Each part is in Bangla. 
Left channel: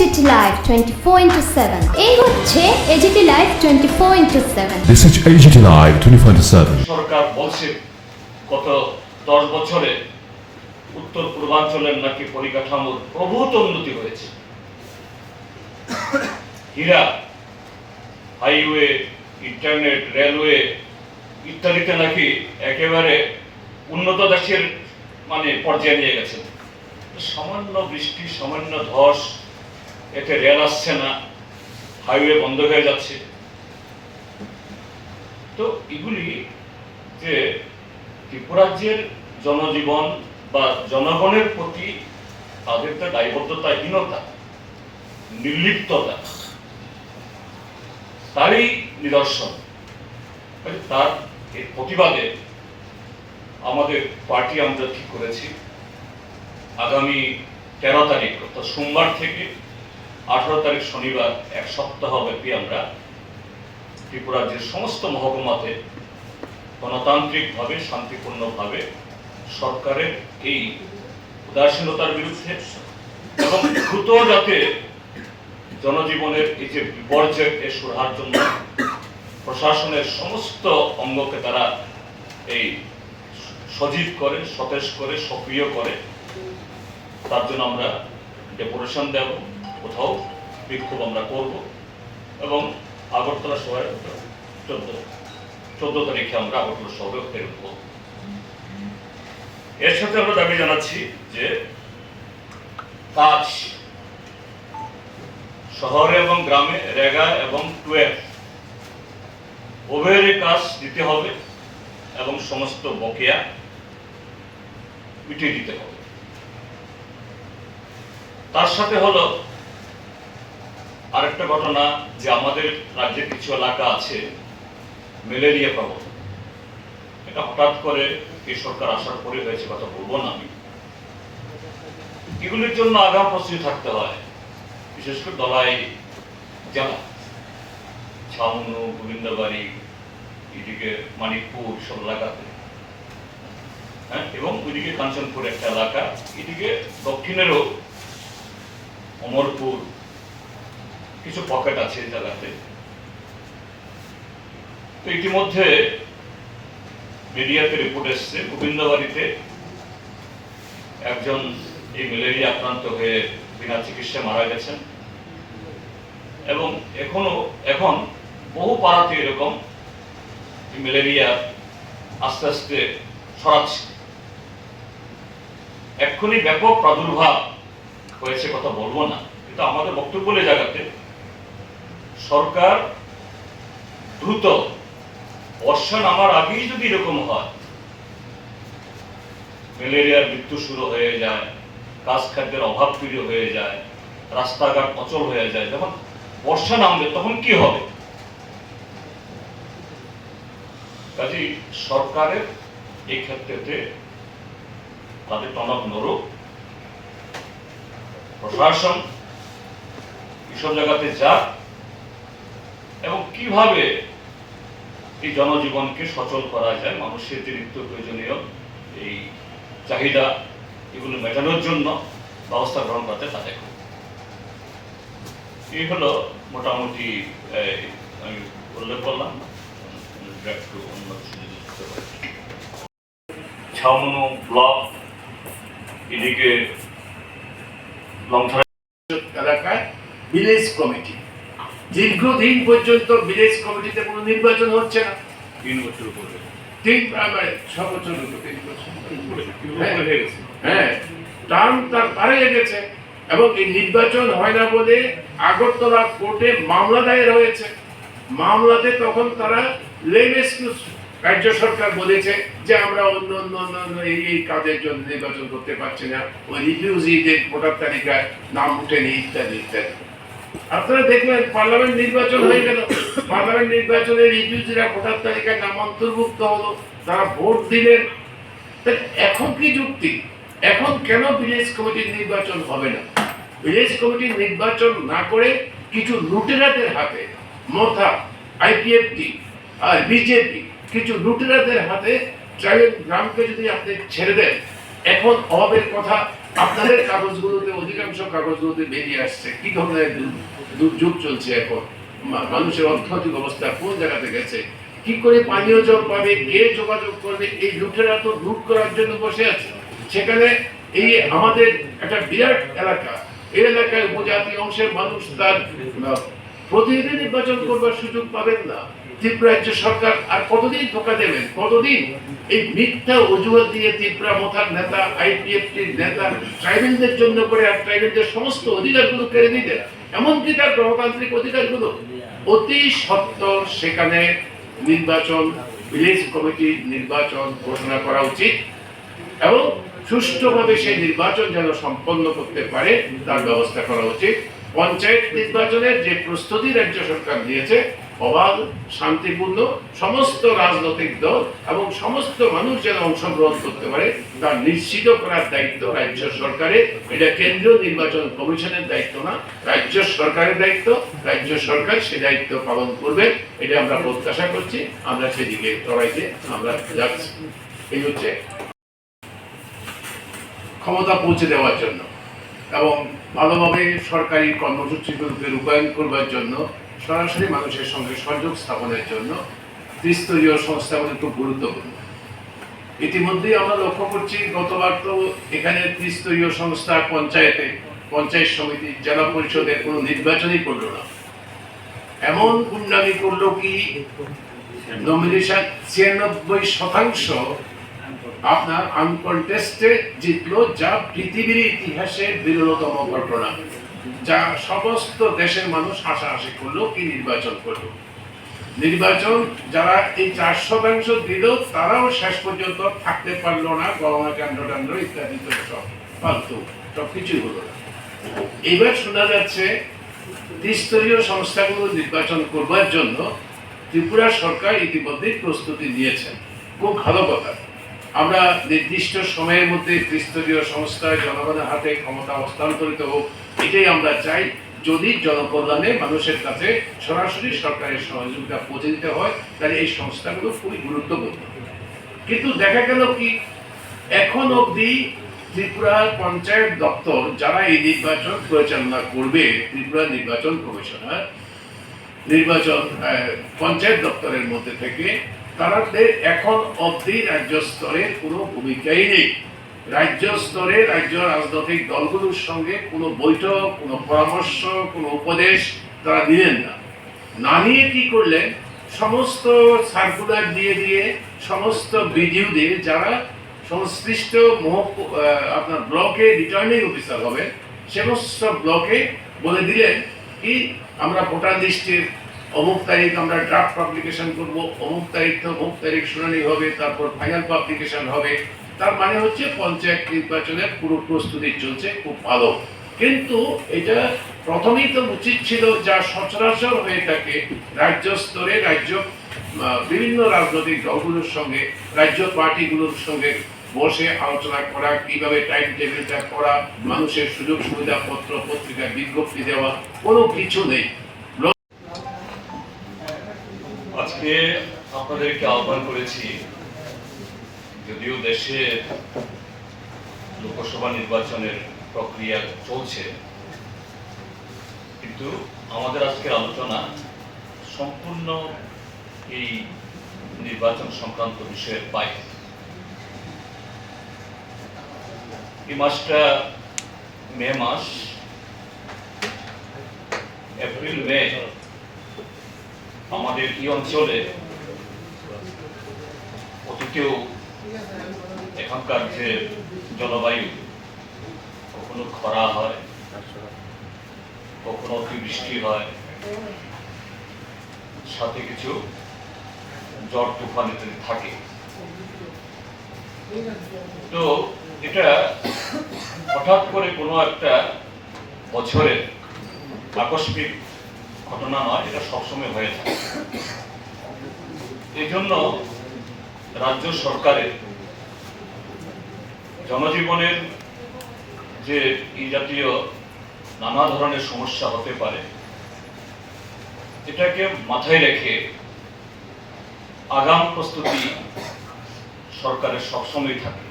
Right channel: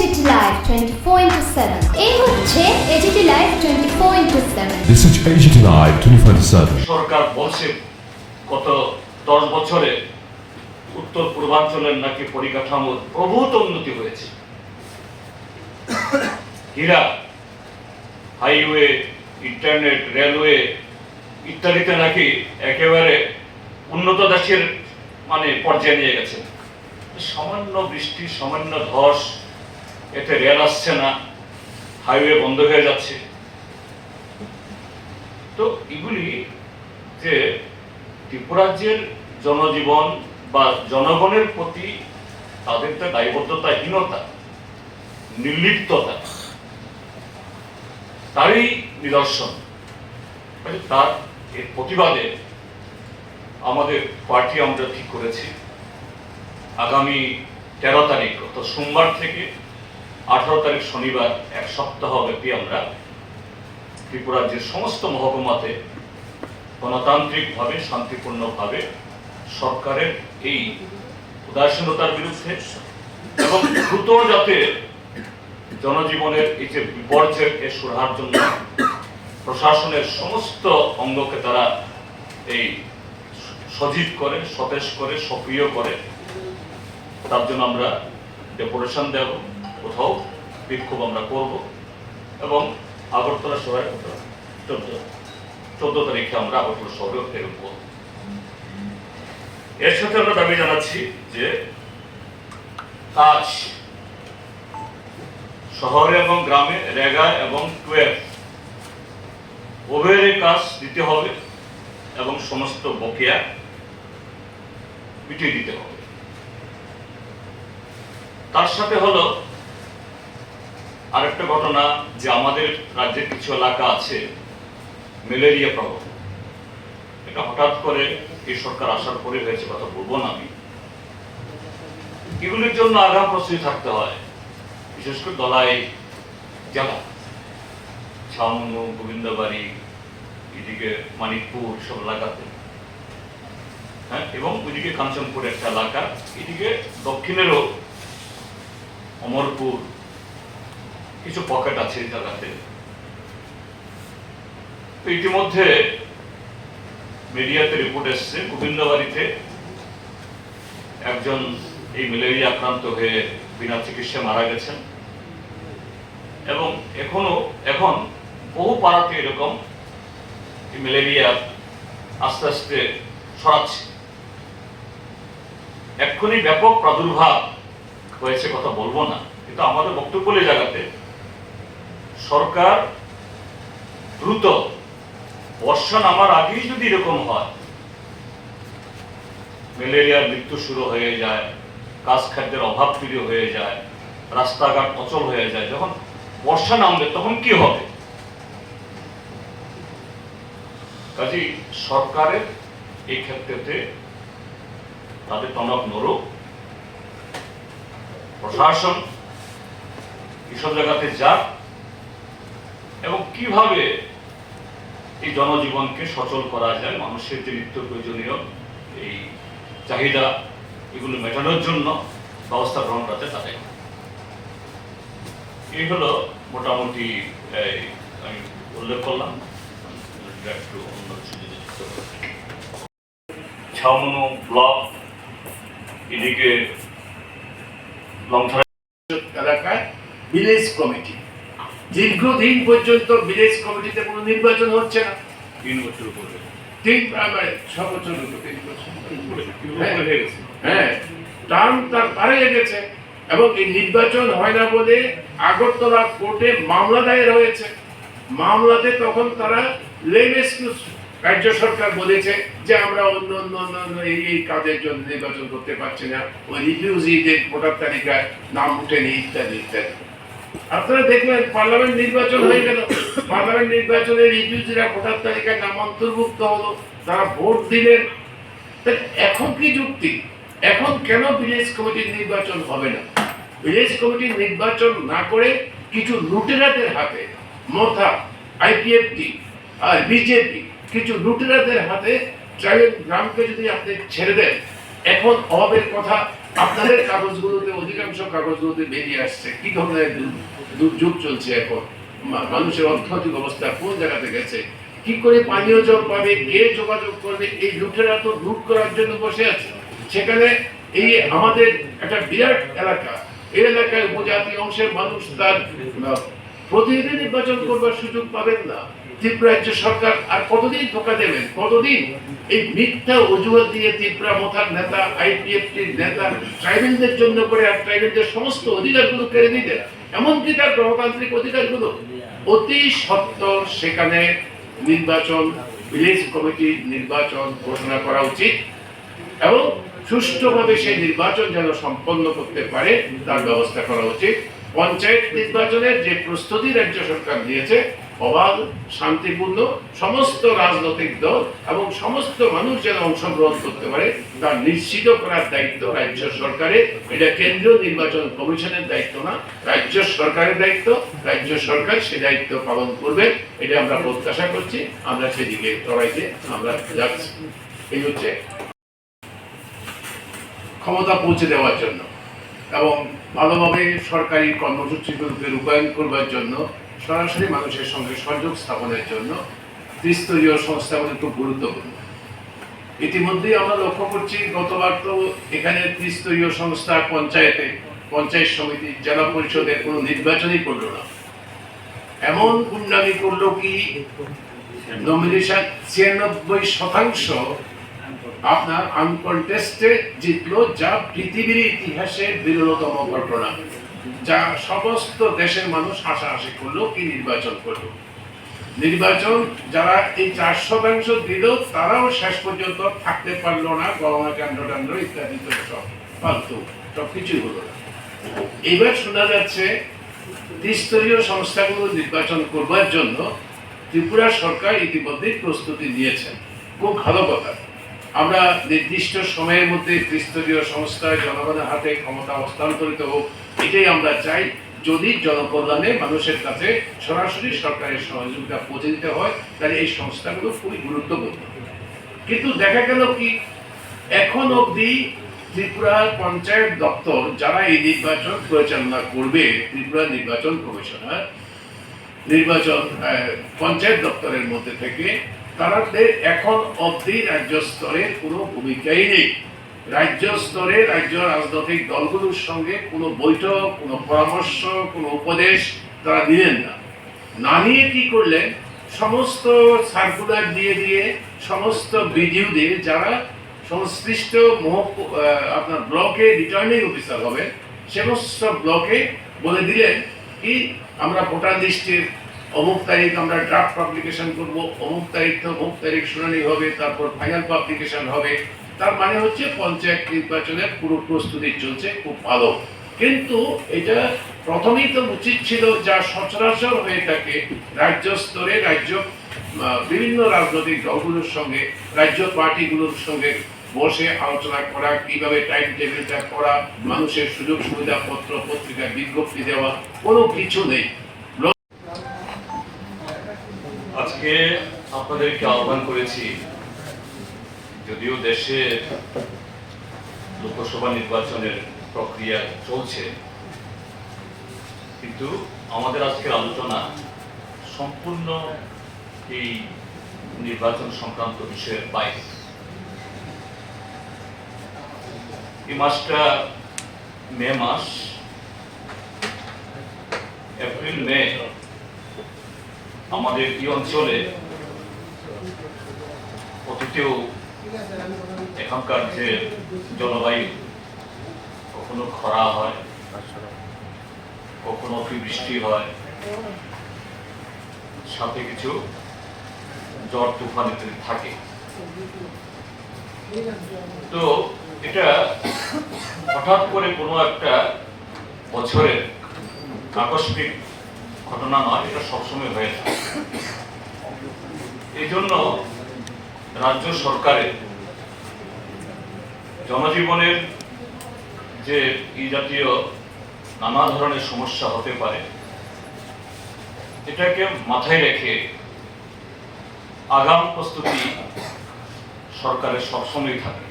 AGT Live 24/7 এই হচ্ছে AGT Live 24/7 This is AGT Live 24/7 সরকার বলছে গত 10 বছরে উত্তর পূর্বাঞ্চলের নাকি পরিকাঠামোর প্রভূত উন্নতি হয়েছে। হীরা, হাইওয়ে, ইন্টারনেট, রেলওয়ে ইত্যাদিতে নাকি একেবারে উন্নত দেশের পর্যায়ে নিয়ে গেছে। সামান্য বৃষ্টি, সামান্য ধস, এতে রেল আসছে না, হাইওয়ে বন্ধ হয়ে যাচ্ছে। তো এগুলি যে ত্রিপুরাজ্যের জনজীবন বা জনগণের প্রতি তাদের দায়বদ্ধতাহীনতা, নির্লিপ্ততা, তারই নিদর্শন। তার এর প্রতিবাদে আমাদের পার্টি আমরা ঠিক করেছি আগামী 13 তারিখ অর্থাৎ সোমবার থেকে 18 তারিখ শনিবার এক সপ্তাহ ব্যাপী আমরা ত্রিপুরাজ্যের সমস্ত মহকুমাতে গণতান্ত্রিকভাবে, শান্তিপূর্ণভাবে সরকারের এই উদাসীনতার বিরুদ্ধে এবং দ্রুত যাতে জনজীবনের এই যে বিপর্যয় এ সুরাহার জন্য প্রশাসনের সমস্ত অঙ্গকে তারা এই সজীব করে, সতেজ করে, সক্রিয় করে, তার জন্য আমরা ডেপুটেশন দেব, কোথাও বিক্ষোভ আমরা করব এবং আগরতলা শহরে 14 তারিখে আমরা আগরতলা শহরে প্রেরণ করব। এর সাথে আমরা দাবি জানাচ্ছি যে কাজ শহরে এবং গ্রামে রেগা এবং 12 উভয়ের কাজ দিতে হবে এবং সমস্ত বকেয়া মিটিয়ে দিতে হবে। তার সাথে হলো আরেকটা ঘটনা যে আমাদের রাজ্যে কিছু এলাকা আছে ম্যালেরিয়া প্রবণ। এটা হঠাৎ করে এই সরকার আসার পরে হয়েছে, কথা বলবো না আমি। এগুলির জন্য আগাম প্রস্তুতি থাকতে হয়, বিশেষ করে দলাই জেলা, ছাউনু, গোবিন্দবাড়ি, এদিকে মানিকপুর সব এলাকাতে, হ্যাঁ, এবং ওইদিকে কাঞ্চনপুর একটা এলাকা, এদিকে দক্ষিণেরও অমরপুর কিছু পকেট আছে এই জায়গাতে। তো ইতিমধ্যে মিডিয়াতে রিপোর্ট এসছে গোবিন্দবাড়িতে একজন এই ম্যালেরিয়া আক্রান্ত হয়ে বিনা চিকিৎসায় মারা গেছেন এবং এখন বহু পাড়াতে এরকম ম্যালেরিয়া আস্তে আস্তে ছড়াচ্ছে। এক্ষুনি ব্যাপক প্রাদুর্ভাব হয়েছে, কথা বলবো না, কিন্তু আমাদের বক্তব্য এই জায়গাতে সরকার দ্রুত বর্ষা নামার আগেই যদি এরকম হয়, ম্যালেরিয়ার মৃত্যু শুরু হয়ে যায়, কাজ খাদ্যের অভাব তৈরি হয়ে যায়, রাস্তাঘাট অচল হয়ে যায়, যখন বর্ষা নামবে তখন কি হবে? কাজেই সরকারের এই ক্ষেত্রে তাদের টনক নড়ুক, প্রশাসন এসব জায়গাতে যাক এবং কিভাবে এই জনজীবনকে সচল করা যায়, মানুষের যে নিত্য প্রয়োজনীয় এই চাহিদা এগুলো মেটানোর জন্য ব্যবস্থা গ্রহণ করতে তা দেখো। এই হলো মোটামুটি আমি উল্লেখ করলাম। ছাউনু ব্লক, এদিকে এলাকায় ভিলেজ কমিটি, দীর্ঘদিন পর্যন্ত ভিলেজ কমিটিতে কোনো নির্বাচন হচ্ছে না। 3 বছর উপরে, 6 বছর, 3 বছর, হ্যাঁ, টার্ম তার পারে গেছে এবং এই নির্বাচন হয় না বলে আগরতলা কোর্টে মামলা দায়ের হয়েছে। মামলাতে তখন তারা লেম এক্সকিউজ রাজ্য সরকার বলেছে যে আমরা অন্য এই কাজের জন্য নির্বাচন করতে পারছি না, ওই রিফিউজিদের ভোটার তালিকায় নাম উঠেনি ইত্যাদি ইত্যাদি। আপনারা দেখলেন পার্লামেন্ট নির্বাচন হয়ে গেল, পার্লামেন্ট নির্বাচনে রিফিউজিরা ভোটার তালিকায় নাম অন্তর্ভুক্ত হলো, তারা ভোট দিলেন। এখন কি যুক্তি? এখন কেন ভিলেজ কমিটির নির্বাচন হবে না? ভিলেজ কমিটির নির্বাচন না করে কিছু লুটেরাদের হাতে, মোথা, আইপিএফটি আর বিজেপি, কিছু লুটেরাদের হাতে গ্রামকে যদি আপনি ছেড়ে দেন, এখন অভাবের কথা আপনাদের কাগজগুলোতে, অধিকাংশ কাগজগুলোতে বেরিয়ে আসছে কি ধরনের দুর্যোগ চলছে এখন, মানুষের অর্থনৈতিক অবস্থা কোন জায়গাতে গেছে, কি করে পানীয় জল পাবে, কে যোগাযোগ করবে। এই লুটেরা তো লুট করার জন্য বসে আছে। সেখানে এই আমাদের একটা বিরাট এলাকা, এই এলাকায় উপজাতি অংশের মানুষ তার প্রতিনিধি নির্বাচন করবার সুযোগ পাবেন না। ত্রিপুরা রাজ্য সরকার আর কতদিন ধোকা দেবেন, কতদিন এই মিথ্যা অজুহাত দিয়ে ত্রিপুরা মোথার নেতা, আইপিএফটির নেতা ট্রাইবেলদের জন্য করে আর ট্রাইবেলদের সমস্ত অধিকারগুলো কেড়ে নিতে, এমনকি তার গণতান্ত্রিক অধিকারগুলো। অতি সত্বর সেখানে নির্বাচন, ভিলেজ কমিটি নির্বাচন ঘোষণা করা উচিত এবং সুষ্ঠুভাবে সেই নির্বাচন যেন সম্পন্ন করতে পারে তার ব্যবস্থা করা উচিত। পঞ্চায়েত নির্বাচনের যে প্রস্তুতি রাজ্য সরকার দিয়েছে, অবাধ, শান্তিপূর্ণ, সমস্ত রাজনৈতিক দল এবং সমস্ত মানুষ যেন অংশগ্রহণ করতে পারে তা নিশ্চিত করার দায়িত্ব রাজ্য সরকারের। এটা কেন্দ্রীয় নির্বাচন কমিশনের দায়িত্ব না, রাজ্য সরকারের দায়িত্ব। রাজ্য সরকার সে দায়িত্ব পালন করবে, এটা আমরা প্রত্যাশা করছি। আমরা সেদিকে লড়াইতে আমরা যাচ্ছি। এই হচ্ছে ক্ষমতা পৌঁছে দেওয়ার জন্য এবং ভালোভাবে সরকারি কর্মসূচিগুলোকে রূপায়ণ করবার জন্য, সরাসরি মানুষের সঙ্গে সংযোগ স্থাপনের জন্য ত্রিস্তরীয় সংস্থাগুলি খুব গুরুত্বপূর্ণ। ইতিমধ্যেই আমরা লক্ষ্য করছি, গতবার তো এখানে ত্রিস্তরীয় সংস্থা, পঞ্চায়েত সমিতি, জেলা পরিষদের কোনো নির্বাচনই করলো না। এমন গুন্ডামি করলো কি নমিনেশন 96% আপনার আনকন্টেস্টে জিতলো, যা পৃথিবীর ইতিহাসে বিরলতম ঘটনা। যা সমস্ত দেশের মানুষ হাসাহাসি করলো, কি নির্বাচন করলো। নির্বাচন যারা এই 4% দিল তারাও শেষ পর্যন্ত থাকতে পারলো না, গণনা কাণ্ড ইত্যাদি তো সব ফালতু, সবকিছুই হলো না। এবার শোনা যাচ্ছে ত্রিস্তরীয় সংস্থাগুলো নির্বাচন করবার জন্য ত্রিপুরা সরকার ইতিমধ্যেই প্রস্তুতি নিয়েছেন। খুব ভালো কথা। আমরা নির্দিষ্ট সময়ের মধ্যে ত্রিস্তরীয় সংস্থায় জনগণের হাতে ক্ষমতা হস্তান্তরিত হোক, এটাই আমরা চাই। যদি জনকল্যাণে মানুষের কাছে সরাসরি সরকারের সহযোগিতা পৌঁছে দিতে হয়, তাহলে এই সংস্থাগুলো খুবই গুরুত্বপূর্ণ। কিন্তু দেখা গেল কি, এখন অবধি ত্রিপুরা পঞ্চায়েত দপ্তর যারা এই নির্বাচন পরিচালনা করবে, ত্রিপুরা নির্বাচন কমিশনার, নির্বাচন পঞ্চায়েত দপ্তরের মধ্যে থেকে, তাদের এখন অবধি রাজ্য স্তরে কোনো ভূমিকাই নেই। রাজ্য স্তরে রাজ্য রাজনৈতিক দলগুলোর সঙ্গে কোনো বৈঠক, কোনো পরামর্শ, কোনো উপদেশ তারা দিলেন না। না নিয়ে কি করলেন, সমস্ত সার্কুলার দিয়ে সমস্ত বিডিওদের যারা সংশ্লিষ্ট আপনার ব্লকে রিটার্নিং অফিসার হবেন, সমস্ত ব্লকে বলে দিলেন কি আমরা ভোটার লিস্টের অমুক তারিখ আমরা ড্রাফট পাবলিকেশন করব, অমুক তারিখ শুনানি হবে, তারপর ফাইনাল পাবলিকেশন হবে। তার মানে হচ্ছে পঞ্চায়েত নির্বাচনের পুরো প্রস্তুতি চলছে, খুব ভালো। কিন্তু এটা প্রথমেই তো উচিত ছিল, যা সচরাচর হয়ে থাকে রাজ্য স্তরে, বিভিন্ন রাজনৈতিক দলগুলোর সঙ্গে, রাজ্য পার্টিগুলোর সঙ্গে বসে আলোচনা করা, কিভাবে টাইম টেবিলটা করা, মানুষের সুযোগ সুবিধা পত্র পত্রিকায় বিজ্ঞপ্তি দেওয়া, কোনো কিছু নেই। আজকে আপনাদেরকে আহ্বান করেছি, যদিও দেশে লোকসভা নির্বাচনের প্রক্রিয়া চলছে, কিন্তু আমাদের আজকের আলোচনা সম্পূর্ণ এই নির্বাচন সংক্রান্ত বিষয়ের বাইরে। এই মাসটা মে মাস, এপ্রিল মে আমাদের এই অঞ্চলে অতীতেও এখানকার যে জলবায়ু, কখনো খরা হয়, কখনো অতিবৃষ্টি হয়, সাথে কিছু ঝড় তুফান ইত্যাদি থাকে। তো এটা হঠাৎ করে কোনো একটা বছরের আকস্মিক ঘটনা নয়, এটা সবসময় হয়ে থাকে। এই জন্য রাজ্য সরকারের জনজীবনের যে এই জাতীয় নানা ধরনের সমস্যা হতে পারে, এটাকে মাথায় রেখে আগাম প্রস্তুতি সরকারের সবসময় থাকে।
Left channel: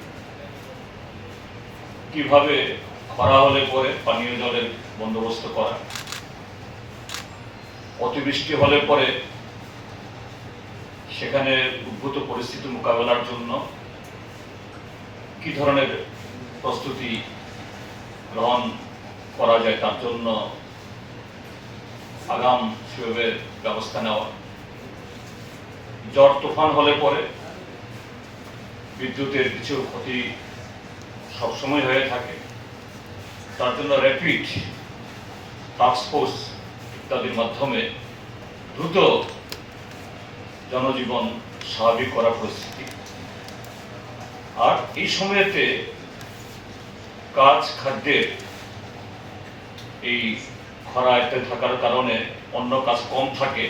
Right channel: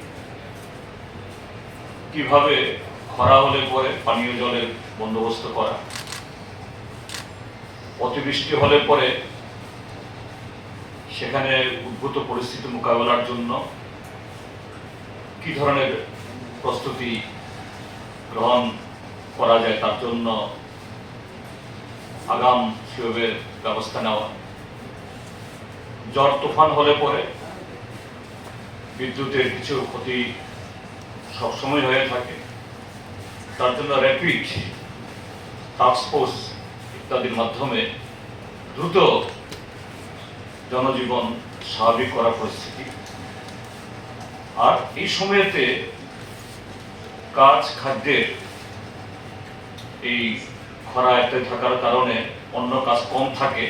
কিভাবে খরা হলে পরে পানীয় জলের বন্দোবস্ত করা, অতিবৃষ্টি হলে পরে সেখানে উদ্ভূত পরিস্থিতি মোকাবেলার জন্য কি ধরনের প্রস্তুতি গ্রহণ করা যায় তার জন্য আগাম সেভাবে ব্যবস্থা নেওয়া, ঝড় তুফান হলে পরে বিদ্যুতের কিছু ক্ষতি সবসময় হয়ে থাকে, তার জন্য র্যাপিড টাস্কফোর্স ইত্যাদির মাধ্যমে দ্রুত জনজীবন স্বাভাবিক করা পরিস্থিতি। আর এই সময়তে কাজ খাদ্যের এই খরা এতে থাকার কারণে অন্য কাজ কম থাকে,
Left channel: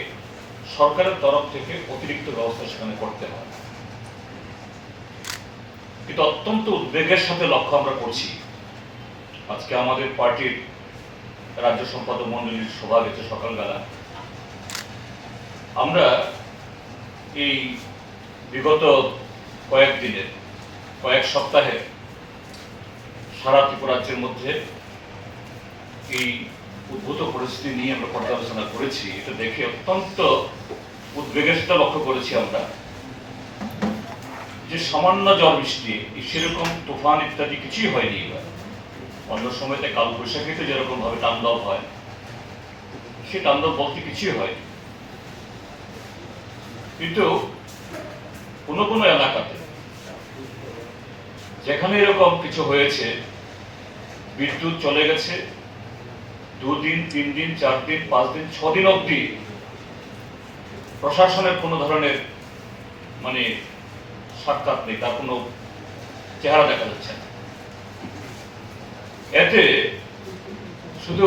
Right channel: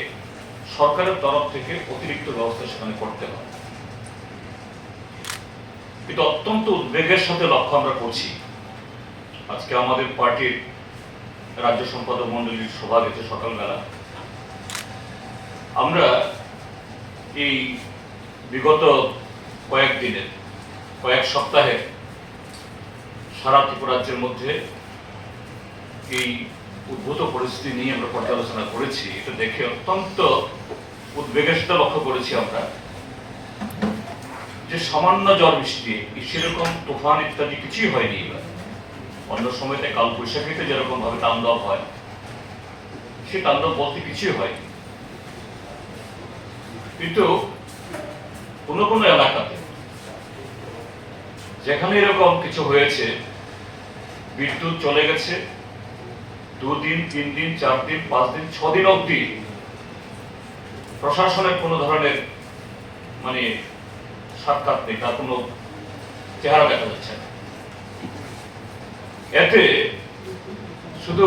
সরকারের তরফ থেকে অতিরিক্ত ব্যবস্থা সেখানে করতে হয়। কিন্তু অত্যন্ত উদ্বেগের সাথে লক্ষ্য আমরা করছি, আজকে আমাদের পার্টির রাজ্য সম্পাদক মন্ডলীর সভা হয়েছে সকালবেলা। আমরা এই বিগত কয়েক সপ্তাহে সারা ত্রিপুরা রাজ্যের মধ্যে এই উদ্ভূত পরিস্থিতি নিয়ে আমরা পর্যালোচনা করেছি। এটা দেখে অত্যন্ত উদ্বেগের সাথে লক্ষ্য করেছি আমরা যে সামান্য ঝড় বৃষ্টি, সেরকম তুফান ইত্যাদি কিছুই হয়নি এবার। অন্য সময়তে কাল বৈশাখীতে যেরকম ভাবে তাণ্ডব হয়, সে তাণ্ডব বলতে কিছুই হয়নি। কিন্তু কোনো কোনো এলাকাতে যেখানে এরকম কিছু হয়েছে, বিদ্যুৎ চলে গেছে 2 দিন, 3 দিন, 4 দিন, 5 দিন, 6 দিন অবধি প্রশাসনের কোনো ধরনের মানে সাক্ষাৎ নেই, তার কোনো চেহারা দেখা যাচ্ছে না। এতে শুধু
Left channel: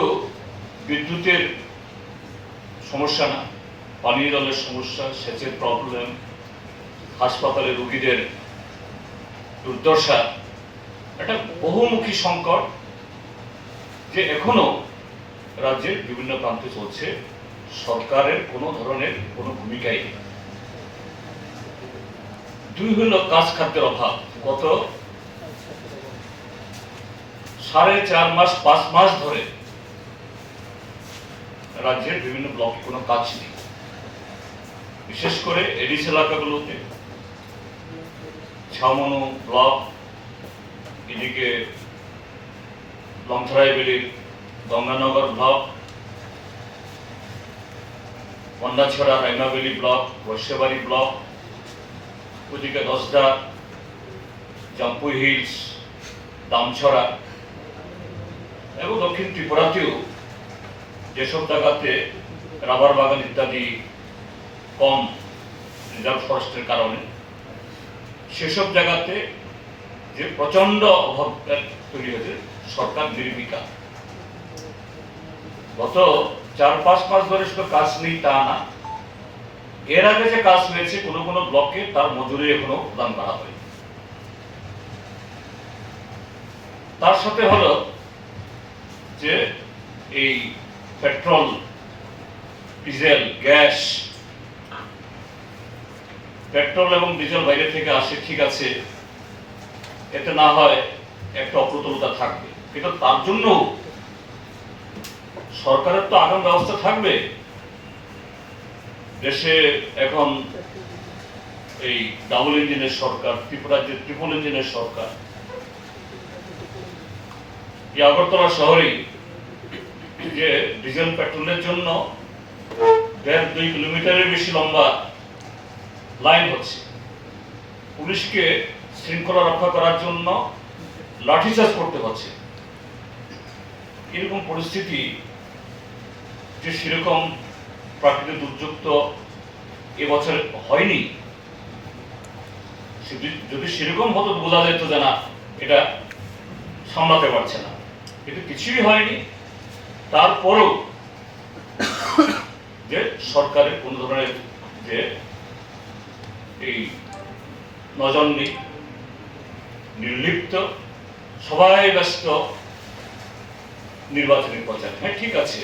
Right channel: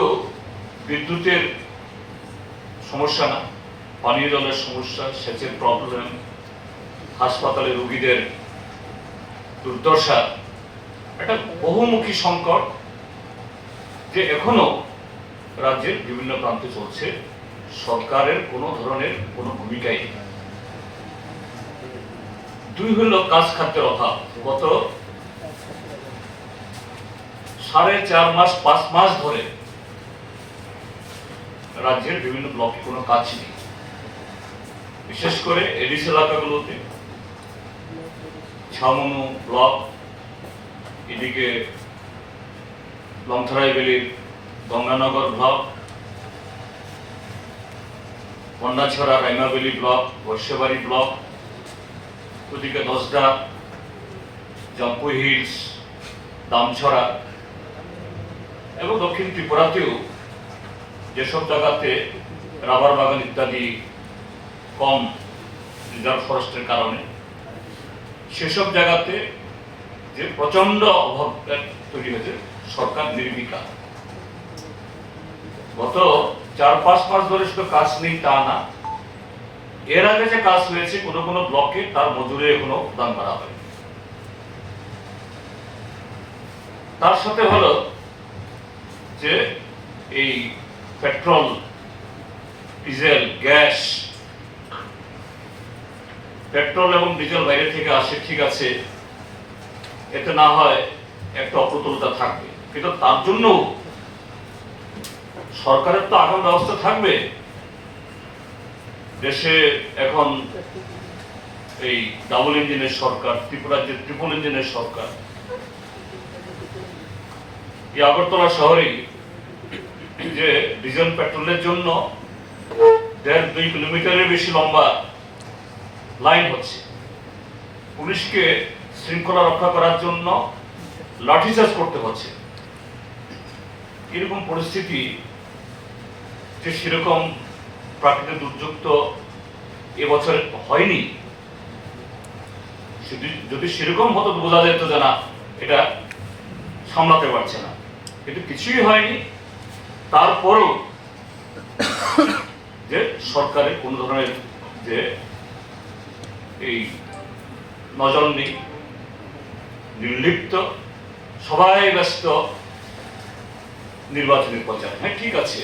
বিদ্যুতের সমস্যা না, পানীয় জলের সমস্যা, সেচের প্রবলেম, হাসপাতালে রোগীদের দুর্দশা, একটা বহুমুখী সংকট যে এখনো রাজ্যের বিভিন্ন প্রান্তে চলছে, সরকারের কোনো ধরনের কোনো ভূমিকাই নেই। 2 হলো কাজ খাদ্যের অভাব। গত 4.5 মাস 5 মাস ধরে রাজ্যের বিভিন্ন ব্লকে কোনো কাজ নেই, বিশেষ করে এডিস এলাকাগুলোতে, ছামনু ব্লক, এদিকে লংথরাইবেলির গঙ্গানগর ব্লক, কন্যাছড়া রাইমাবেলি ব্লক, বৈশ্যবাড়ি ব্লক, ওদিকে দশদা, জাম্পুই হিলস, দামছড়া এবং দক্ষিণ ত্রিপুরাতেও যেসব জায়গাতে রাবার বাগান ইত্যাদি কম রিজার্ভ ফরেস্টের কারণে, সেসব জায়গাতে যে প্রচন্ড অভাব তৈরি হয়েছে, সরকার নির্বিকার। গত 4-5 মাস ধরে শুধু কাজ নেই তা না, এর আগে যে কাজ হয়েছে কোনো কোনো ব্লকে তার মজুরি এখনো প্রদান করা হয়। তার সাথে হলো যে এই পেট্রোল, ডিজেল, গ্যাস, পেট্রোল এবং ডিজেল বাইরে থেকে আসে, ঠিক আছে, এতে না হয় একটা অপ্রতুলতা থাকবে, কিন্তু তার জন্য সরকারের তো আগাম ব্যবস্থা থাকবে। দেশে এখন এই ডাবল ইঞ্জিনের সরকার, ত্রিপুরার যে ট্রিপল ইঞ্জিনের সরকার, এই আগরতলা শহরেই যে ডিজেল পেট্রোলের জন্য 1.5-2 কিলোমিটারের বেশি লম্বা লাইন হচ্ছে, পুলিশকে শৃঙ্খলা রক্ষা করার জন্য লাঠিচার্জ করতে হচ্ছে। এরকম পরিস্থিতি যে সেরকম প্রাকৃতিক দুর্যোগ তো এবছর হয়নি, যদি সেরকম হতো বোঝা যেত যে না, এটা সামলাতে পারছে না, কিন্তু কিছুই হয়নি। তারপরও যে সরকারের কোন ধরনের যে এই নজর নেই, নির্লিপ্ত, সবাই ব্যস্ত নির্বাচনী প্রচার। হ্যাঁ, ঠিক আছে,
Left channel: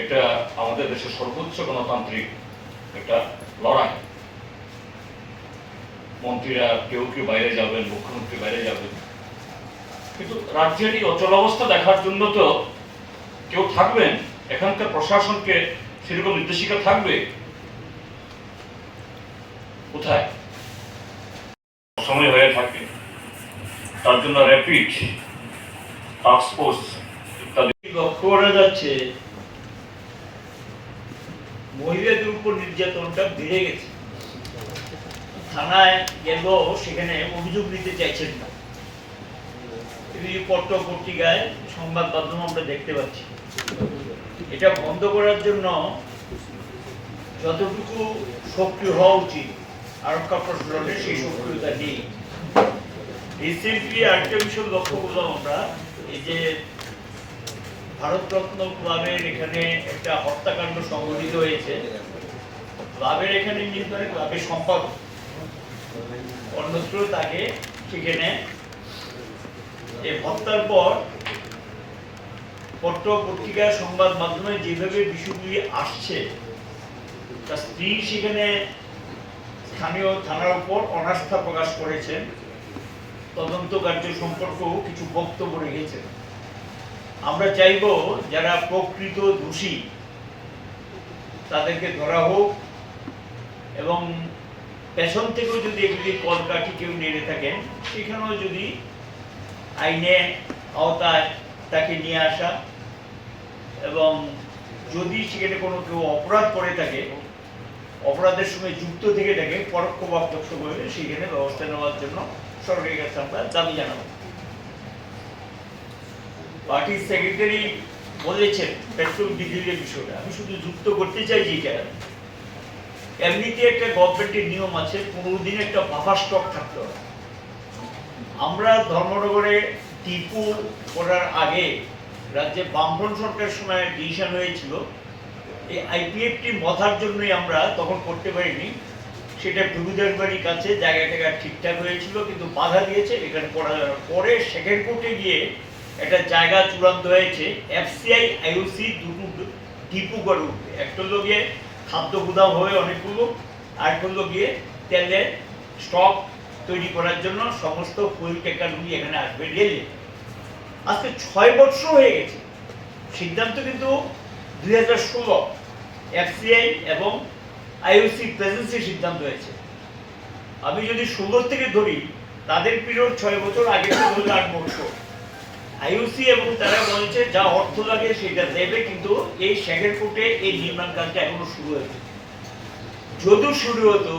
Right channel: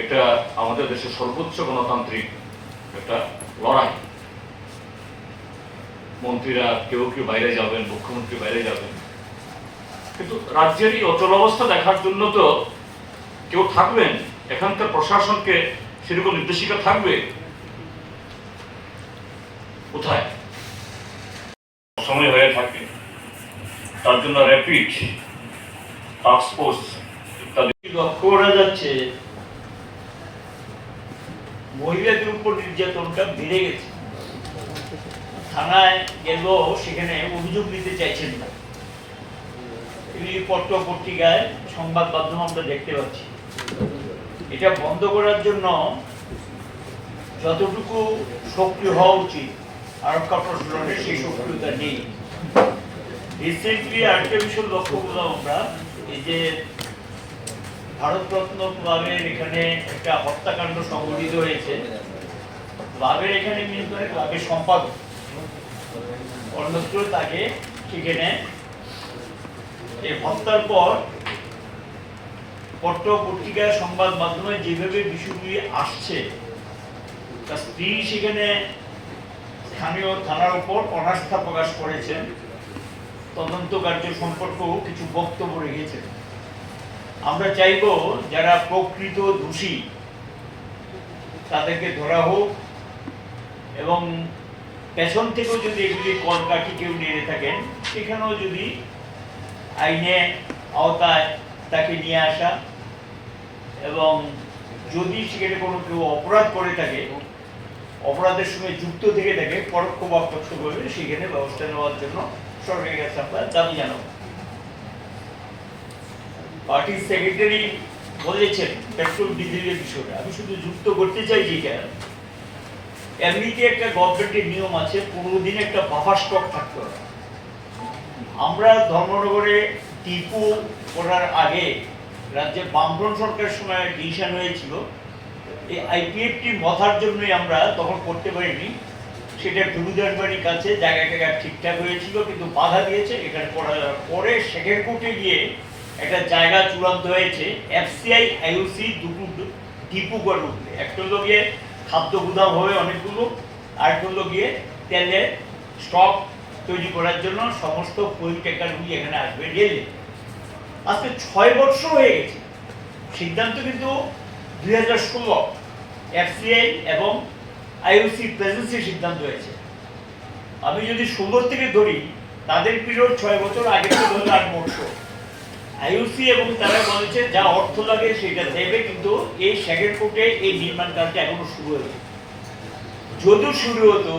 এটা আমাদের দেশের সর্বোচ্চ গণতান্ত্রিক একটা লড়াই। মন্ত্রীরা কেউ কেউ বাইরে যাবেন, মুখ্যমন্ত্রী বাইরে যাবেন, কিন্তু রাজ্যের এই অচল অবস্থা দেখার জন্য তো কেউ থাকবেন, এখানকার প্রশাসনকে সেরকম নির্দেশিকা থাকবে, কোথায়? সময় হয়ে থাকে, তার জন্য র্যাপিড টাস্ক ফোর্স ইত্যাদি লক্ষ্য করা যাচ্ছে মহিলাদের উপর নির্যাতনটা বেড়ে গেছে। থানায় গেল, সেখানে অভিযোগ দিতে চাইছেন না। পত্র পত্রিকায় সংবাদ মাধ্যম আমরা দেখতে পাচ্ছি। এটা বন্ধ করার জন্য যতটুকু সক্রিয় হওয়া উচিত আরক্ষা প্রশাসনের সেই সক্রিয়তা নেই। রিসেন্টলি আরেকটা বিষয় লক্ষ্য করলাম আমরা, এই যে ভারতরত্ন ক্লাবের এখানে একটা হত্যাকাণ্ড সংঘটিত হয়েছে। ক্লাবের এখানে নিয়ন্ত্রণে ক্লাবের সম্পাদক, অন্যত্র তাকে সেখানে এই হত্যার পর পত্র পত্রিকা সংবাদ মাধ্যমে যেভাবে বিষয়গুলি আসছে, তার স্ত্রী সেখানে স্থানীয় থানার উপর অনাস্থা প্রকাশ করেছেন, তদন্ত কার্য সম্পর্কেও কিছু বক্তব্য রেখেছেন। আমরা চাইব যারা প্রকৃত দোষী তাদেরকে ধরা হোক, এবং পেছন থেকেও যদি এগুলি কলকাঠি কেউ নিয়ে থাকেন সেখানেও যদি আইনে আওতায় তাকে নিয়ে আসা, এবং যদি সেখানে কোনো কেউ অপরাধ করে থাকে, অপরাধের সঙ্গে যুক্ত থেকে থাকে পরোক্ষ বা প্রত্যক্ষভাবে, সেখানে ব্যবস্থা নেওয়ার জন্য সরকারের কাছে আমরা দাবি জানাবো। পার্টির সেক্রেটারি বলেছেন পেট্রোল ডিজেলের বিষয়টা, আমি শুধু যুক্ত করতে চাই যেটা এমনিতে একটা গভর্নমেন্টের নিয়ম আছে 15 দিন একটা বাফার স্টক থাকতে হয়। আমরা ধর্মনগরে টিপু করার আগে রাজ্যে বামফ্রন্ট সরকারের সময় ডিসিশন হয়েছিল এই আইপিএফটি মথার জন্যই আমরা তখন করতে পারিনি। সেটা প্রভুদার বাড়ির কাছে জায়গাটা ঠিকঠাক হয়েছিল, কিন্তু বাধা দিয়েছে এখানে করা যাওয়ার পরে সেকেন্ড কোর্টে গিয়ে একটা জায়গা চূড়ান্ত হয়েছে। এফসিআই আইওসি দুটো টিপু করে উঠবে, একটা হলো গিয়ে খাদ্য গুদাম হবে অনেকগুলো, আর একটা হলো গিয়ে তেলের স্টক তৈরি করার জন্য সমস্ত ফুয়েল ট্যাঙ্কারগুলি এখানে আসবে রেলে। আজকে 6 বছর হয়ে গেছে, সিদ্ধান্ত কিন্তু 2016 এফসিআই এবং আইওসি প্রেজেন্সি সিদ্ধান্ত হয়েছে। আমি যদি 16 থেকে ধরি, তাদের পিরিয়ড 6 বছর, আগে তো ধরলে 8 বছর। আইওসি এবং তারা বলেছে যা অর্থ লাগে সেটা দেবে, কিন্তু এই সেকেন্ড কোর্টে এই নির্মাণ কাজটা এখনো শুরু হয়েছে। যদি শুরু হতো,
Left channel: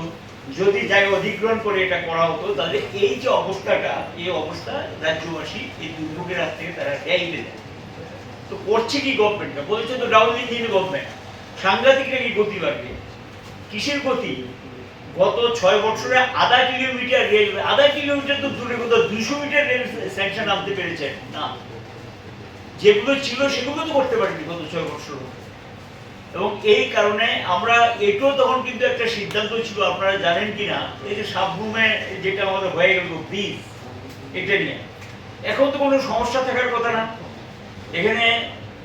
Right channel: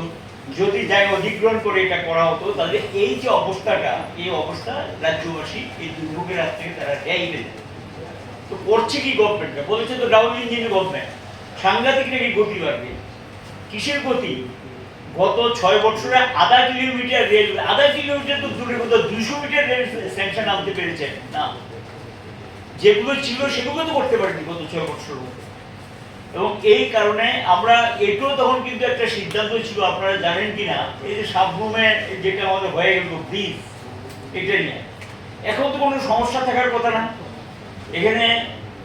যদি জায়গা অধিগ্রহণ করে এটা করা হতো, তাহলে এই যে অবস্থাটা, এই অবস্থা রাজ্যবাসী এই দুর্ভোগের হাত থেকে তারা রেহাই পেতেন। তো করছে কি গভর্নমেন্টটা? বলছে তো ডাউন ইঞ্জিন গভর্নমেন্ট, সাংঘাতিক নাকি গতি বাড়বে। কিসের গতি? গত 6 বছরে আধা কিলোমিটার রেল, আধা কিলোমিটার তো দূরের কথা, 200 মিটার রেল স্যাংশন আনতে পেরেছেন না। যেগুলো ছিল সেগুলো তো করতে পারেনি গত 6 বছর। এবং এই কারণে আমরা এটাও তখন কিন্তু একটা সিদ্ধান্ত ছিল, আপনারা জানেন কিনা, এই যে সাবরুমে যেটা আমাদের হয়ে গেল ব্রিজ, এটা নিয়ে এখন তো কোনো সমস্যা থাকার কথা না। এখানে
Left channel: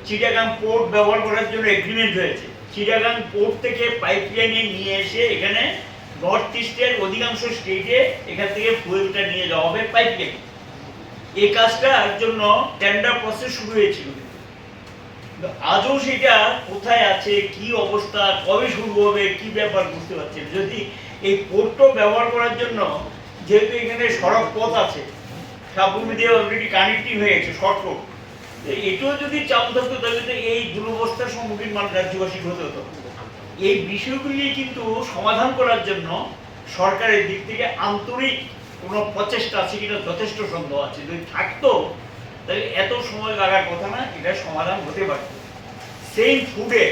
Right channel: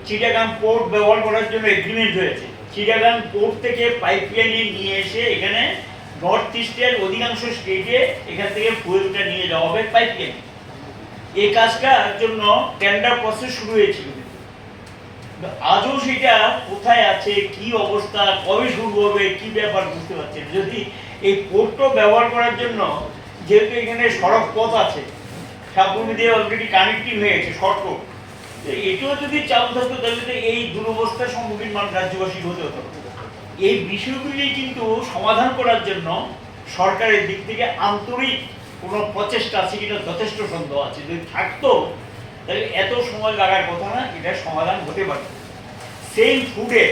চিটাগাং পোর্ট ব্যবহার করার জন্য এগ্রিমেন্ট হয়েছে। চিটাগাং পোর্ট থেকে পাইপলাইনে নিয়ে এসে এখানে নর্থ ইস্টের অধিকাংশ স্টেটে এখান থেকে ফুয়েলটা নিয়ে যাওয়া হবে পাইপলাইনে। এই কাজটার জন্য টেন্ডার প্রসেস শুরু হয়েছিল, আজও সেটা কোথায় আছে, কি অবস্থা, কবে শুরু হবে, কি ব্যাপার বুঝতে পারছেন। যদি এই পোর্টটা ব্যবহার করার জন্য, যেহেতু এখানে সড়ক পথ আছে, সাবরুম দিয়ে অলরেডি কানেক্টিং হয়ে গেছে শর্টকট, এটাও যদি চালু থাকতো তাহলে তো এই দুরবস্থার সম্মুখীন রাজ্যবাসী হতে হতো। এই বিষয়গুলি কিন্তু সমাধান করার জন্য সরকারের দিক থেকে আন্তরিক কোনো প্রচেষ্টা আছে কিনা যথেষ্ট সন্দেহ আছে। যদি থাকতো তাহলে এত সময় লাগার কথা না, এটা সমাধান হতে পারত। সেম ফুডে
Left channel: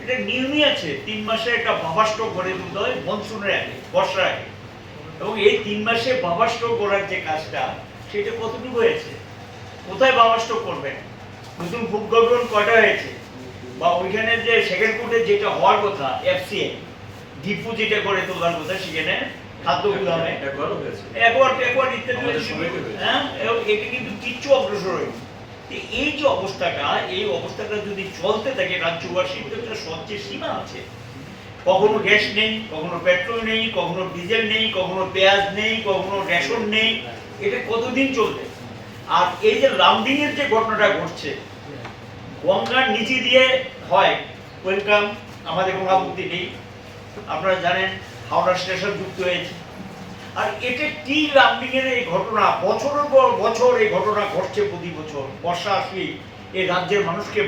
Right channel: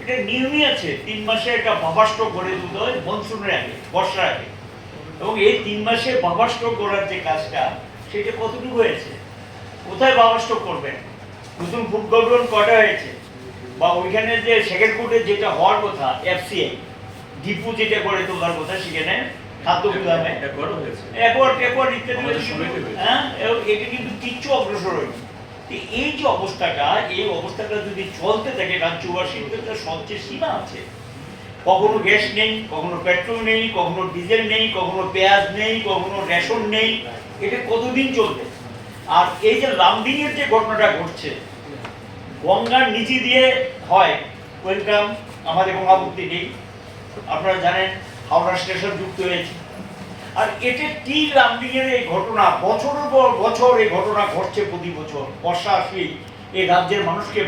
এটা নিয়মই আছে, 3 মাসে একটা বাফার স্টক গড়ে তুলতে হয় মনসুনের আগে, বর্ষার আগে। এবং এই 3 মাসে বাফার স্টক গড়ার যে কাজটা, সেটা কতটুকু হয়েছে? কোথায় বাফার স্টক করবেন? নতুন ফুড গভর্নমেন্ট কয়টা হয়েছে? বা ওইখানে যে সেকেন্ড ফুডে যেটা হওয়ার কথা, এফসিআই ডিপো যেটা করে তোলার কথা, সেখানে খাদ্য গুদামে একবার ইত্যাদি, হ্যাঁ, এটা কিন্তু কিচ্ছু অগ্রসর হয়নি। এই যে অবস্থাটা, এই অবস্থাটা যদি চলতে থাকে, রাজ্যবাসীর একটা সবচেয়ে সীমা আছে। কখনো গ্যাস নেই, কখনো পেট্রোল নেই, কখনো ডিজেল নেই, কখনো পেঁয়াজ নেই, কখনো রেশন নেই। এটা কতদিন চলবে? আর এই যে লামডিং এর যে ঘটনাটা ঘটছে, গঙ্গার নিচে দিয়ে হয়, ওয়েলকাম, আমাদের কোনো আপত্তি নেই। আপনারা জানেন হাওড়া স্টেশন যুক্ত হয়েছে। আর এটা কি লামডিং এর এই ঘটনা, বছরের পর বছর এই ঘটনা ঘটছে, প্রতি বছর বর্ষা আসলেই এই রাজ্যের মানুষকে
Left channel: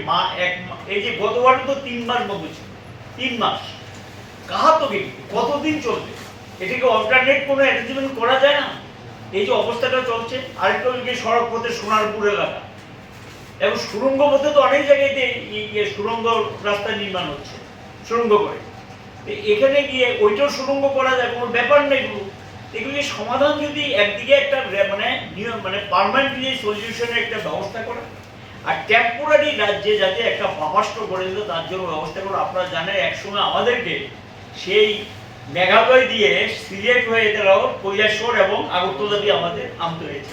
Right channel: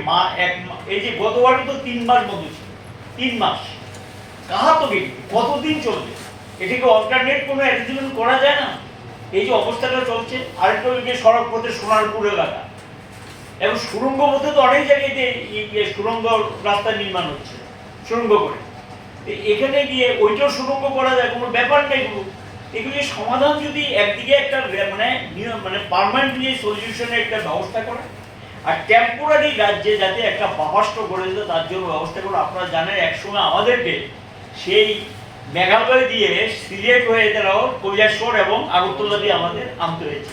এই যে গতবারে তো 3 মাস মধ্যে ছিল, 3 মাস কাহা তো কতদিন চলবে? এটাকে অল্টারনেট কোনো অ্যারেঞ্জমেন্ট করা যায় না? এই যে অবস্থাটা চলছে। আরেকটা ওই যে সড়ক পথে সোনারপুর এলাকা এবং সুড়ঙ্গ পথে তো অনেক জায়গায় সুড়ঙ্গ রাস্তা নির্মাণ হচ্ছে, সুড়ঙ্গ করে এখানে গিয়ে ওইটাও সুড়ঙ্গ করা যায়, কোনো ব্যাপার নেই। এগুলি সমাধান যদি একদিকে একটা মানে পার্মানেন্টলি সলিউশনের একটা ব্যবস্থা করে, আর টেম্পোরারি রাজ্যে যাতে একটা বাফাস্ট করে দিল তার জন্য ব্যবস্থা করে। আপনারা জানেন একসময় আমাদেরকে সেই মেঘালয় দিয়ে সিলেট হয়ে তারাও কৈলাসহর এবং আগরতলা দিয়ে আমাদের আনতে হয়েছে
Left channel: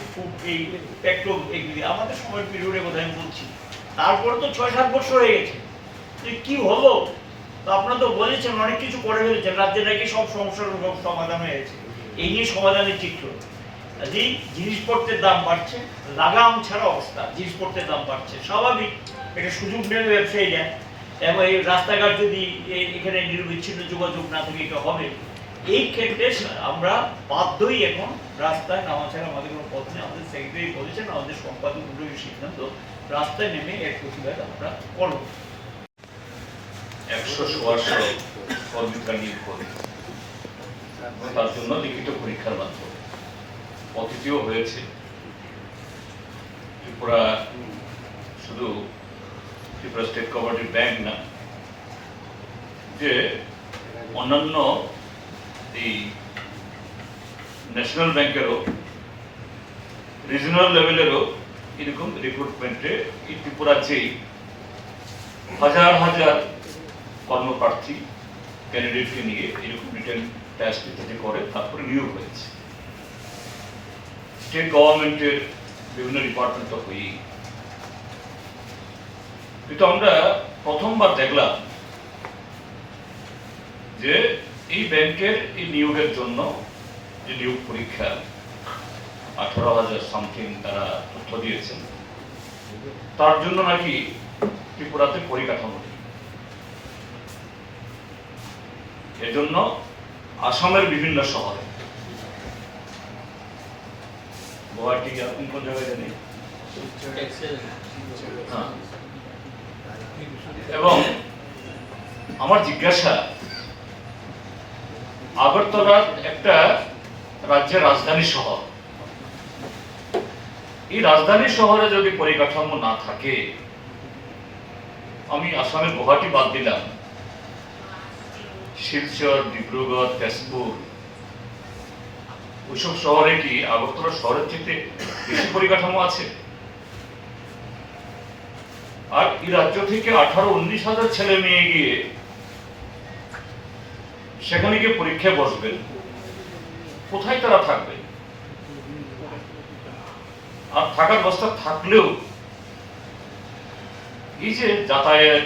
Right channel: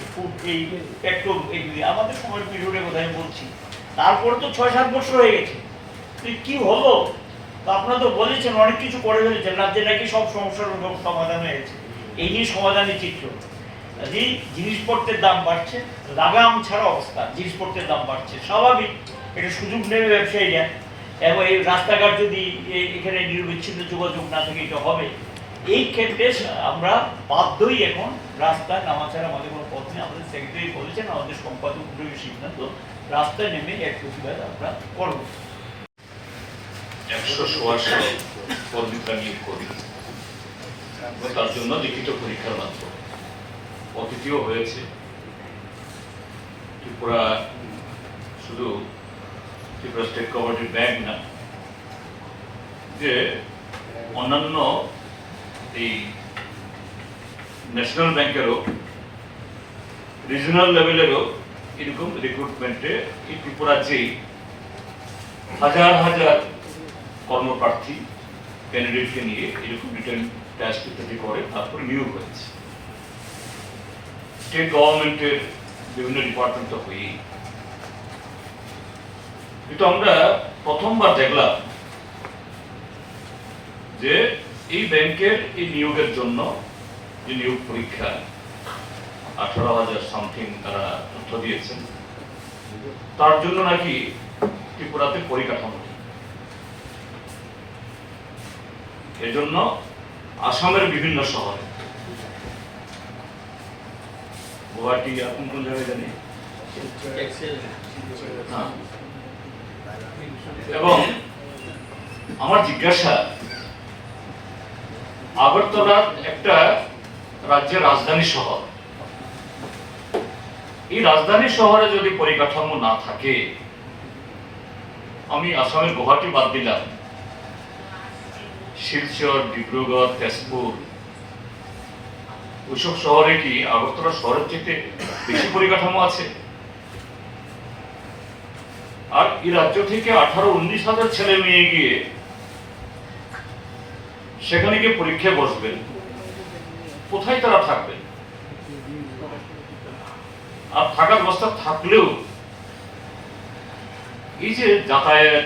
এই পেট্রোল, এগুলি আমাদের সময়ের পিরিয়ডের কথা আমি বলছি। তারপরে তো 6-7 বছর হয়ে গেছে, কি হলো? তো আপনারা তো বলেছেন অনেক কিছু করে ফেলেছেন, রাজ্যে নাকি সব সমস্যার সমাধান হয়ে গেছে। এই নিয়ে সমাধানের চিত্র, জিনিসপত্রের দাম বাড়ছে, লাগাম ছাড়া অবস্থা, জিনিসপত্রের দাম বাড়ছে, স্বাভাবিক, এটা সুযোগ নেবে ব্যবসায়ীরা। এবং এই রাস্তাঘাট যদি এখানে নিরবিচ্ছিন্ন যোগাযোগ না থাকে এটা হবে। এই ক্ষেত্রে আমরা বাধ্যই এখন রাস্তায় নামা ছাড়া আমাদের কোনো পথ নেই। আমাদের সেক্রেটারি বলেছেন, আমাদের সম্পাদক সিদ্ধান্ত, রাস্তায় নেমে এক প্রতিবাদ আমরা করব। 100 কর্মীরা নিয়োগ করবে, তার জন্য লিখিত পরীক্ষার মাধ্যমে অতিথিও হয়েছে। ত্রিপুরা শুধু ত্রিপুরা স্টেট কোঅপারেটিভ ব্যাংক না, যে অন্যান্য এই ন্যাশনাল ব্যাংকেরও রিজনাল লেভেলেরও এরকম রিক্রুটমেন্টে এই ত্রিপুরা যেই হাজার হাজার কর্মপ্রার্থী ক্যান্ডিডেটকে নিয়ে এরকম রিটার্ন টেস্ট ইত্যাদি করে তারপরে নিয়োগ হয়েছে। স্টেট গভর্নমেন্টের বিভিন্ন ডিপার্টমেন্ট তো হয়েই, কিন্তু আমরা প্রথমবার দেখলাম যে এই ব্যাংকের এই নিয়োগের জন্য যে নিয়োগ পরীক্ষা 18,000 সামথিং তারা তথ্য দিয়েছেন, তার জন্য নাকি ত্রিপুরাতে পরিকাঠামো নেই। এজন্য আসামের বিভিন্ন শহরে, গুয়াহাটি এরকম কোন জায়গায় জানি, এবং আমার জিজ্ঞাসা, আগরতলা একটা রাজ্যের রাজধানী শহর, এই রাজধানী শহরে যদি পরিকাঠামো না থাকে, আমি আসামের গুয়াহাটি বাদ দিলাম, শিলচর, ডিব্রুগড়, তেজপুর, ওইসব শহরে কি আগরতলা শহরের থেকে বেশি পরিকাঠামো আছে? আর এই রাজ্য থেকে 18-19 হাজার ছেলে মেয়ে গিয়ে সেখানে গিয়ে পরীক্ষায় বসবেন, কোথায় তারা থাকবেন? আর থাকার ব্যবস্থা থাকলেও এই যে যাতায়াত,